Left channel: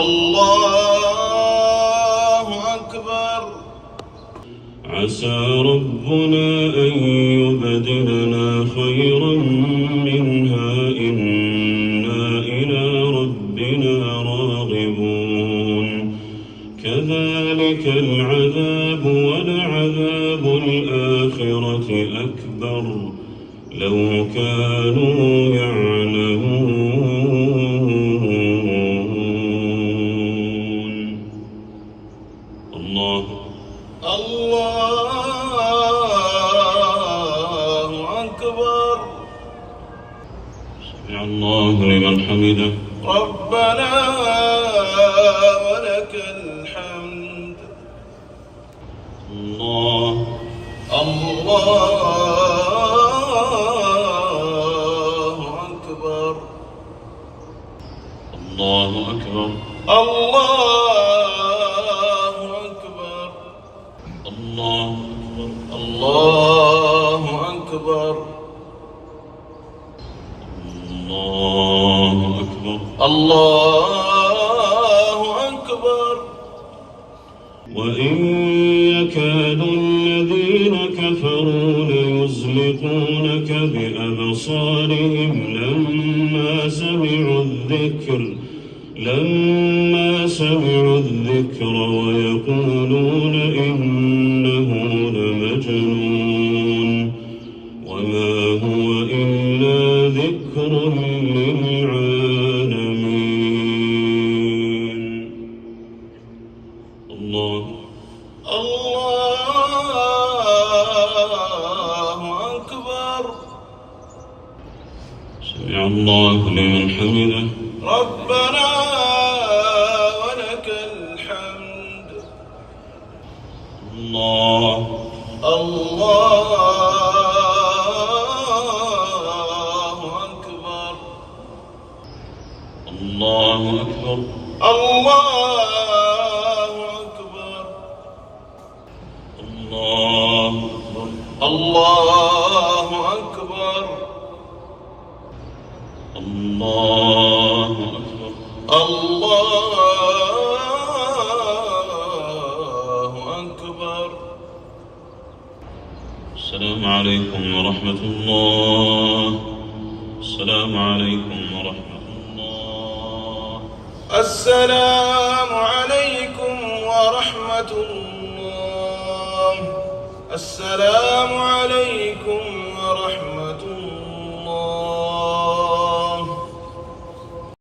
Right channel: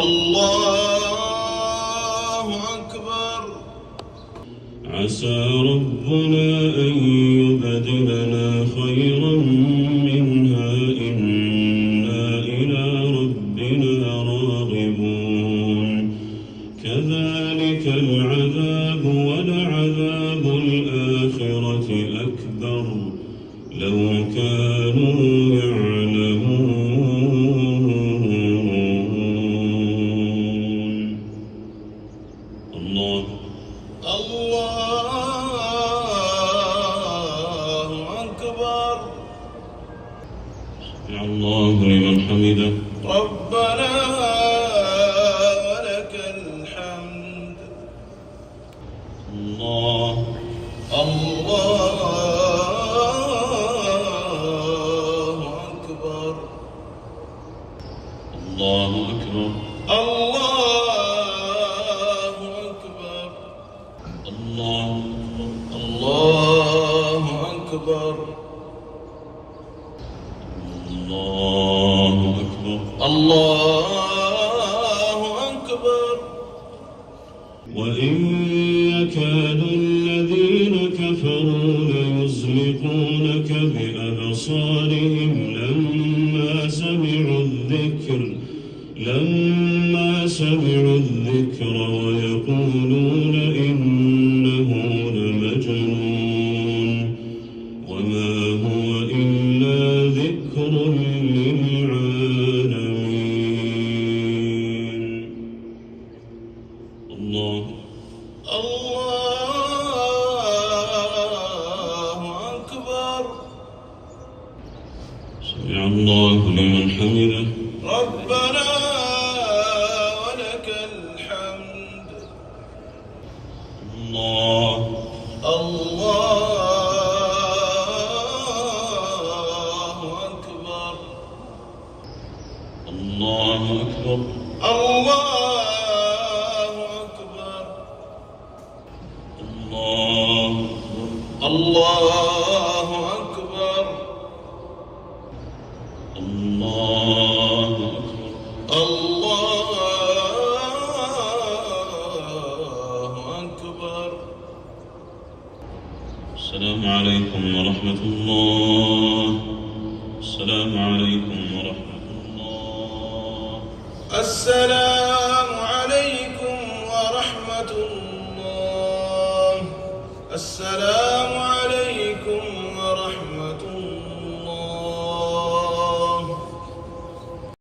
الله أكبر. عسى ربنا أن يبدلنا خيرا منها إنا إلى ربنا راغبون كذلك العذاب ولعذاب الآخرة أكبر لو كانوا يعلمون. الله أكبر. سمع الله لمن حمده. ربنا ولك الحمد. الله أكبر. الله أكبر. الله أكبر. الله أكبر. الله أكبر. الله أكبر. وإن يكاد الذين كفروا ليزلقونك بأبصارهم لما سمعوا الذكر ويقولون إنه لمجنون وما هو إلا ذكر للعالمين. الله أكبر. سمع الله لمن حمده. ربنا ولك الحمد. الله أكبر. الله أكبر. الله أكبر. الله أكبر. الله أكبر. الله أكبر. السلام عليكم ورحمة الله. السلام عليكم ورحمة الله. السلام عليكم ورحمة الله. السلام عليكم